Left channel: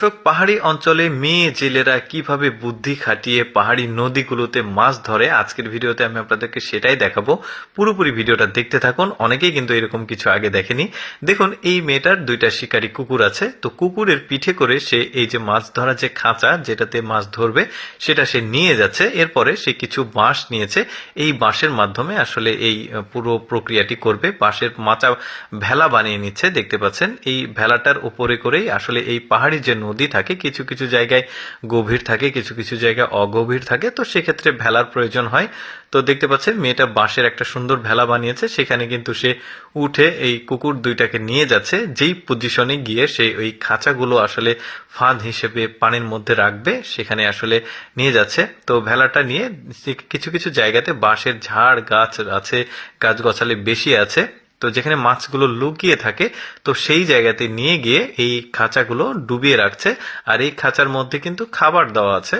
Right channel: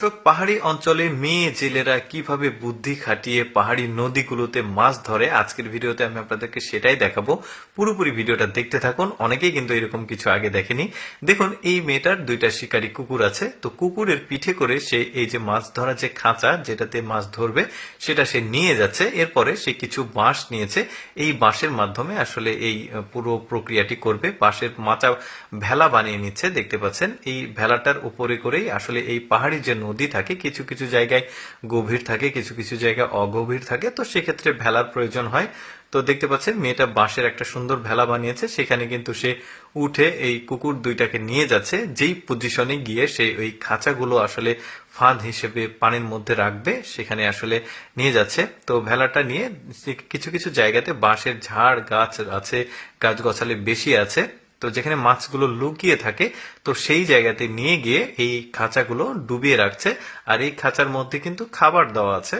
তো পাহাড়ি অঞ্চলে মেয়ে জেলেরা কিভাবে বুদ্ধি খাটিয়ে পাহাড়ি নদীগুলোতে মাছ ধরে আজকের ভিডিওতে আমি আপনাদেরকে সেটাই দেখাবো। পুরোপুরি ভিডিওটা দেখতে থাকুন। অনেকেই কিন্তু এরকম কিছু আগে দেখেনি। দেখুন, এই মেয়েটার দুইটা শিকারী কুকুর আছে। তো কুকুরের পিঠে করে সে এই যে মাছ ধরা যে খাঁচা যেটাতে মাছ ধরবে সেটা সে নিয়ে যাচ্ছে। এরপরে সে কিছু বাঁশ নিয়েছে। এই বাঁশের মাধ্যমে আসলে এই পুরো প্রক্রিয়াটি করবে। বাঁশের মাচা ভেলা বানিয়ে নিচ্ছে, দেখতে পাচ্ছেন। এই ভেলাটার উপরে করেই আসলে এই পাহাড়ি যে নদী থাকে, কিছু কিছু জায়গায় গভীর থাকে, কিছু কিছু জায়গায় অগভীর থাকে, তো সেক্ষেত্রে ভেলার প্রয়োজন হয়। তো দেখতে পাচ্ছেন মেয়েটা বাঁশের একটা সুন্দর ভেলা বানিয়েছে, সেখানে কিন্তু সে উঠে এই কুকুর দুইটাকে নিয়ে যাচ্ছে। যেই পজিশনে গিয়ে সে ওই খাঁচাগুলো আসলে ফাঁদ হিসেবে পানির মধ্যে রাখবে সেখানে আসলে নিয়ে যাচ্ছে। তো ভেলাটা নিয়ে কিছু কিছু জায়গাতে বাঁশের ঝাড় গাছ আছে, গাছগাছালি বেশি আছে, তো যেখানে মাছগুলো লুকিয়ে থাকে, তো সেই জায়গাতে নিয়ে গিয়ে এই খাঁচাগুলো ডুবিয়ে রাখছে। আর এই খাঁচার মধ্যে কিন্তু খাবার দেওয়া আছে।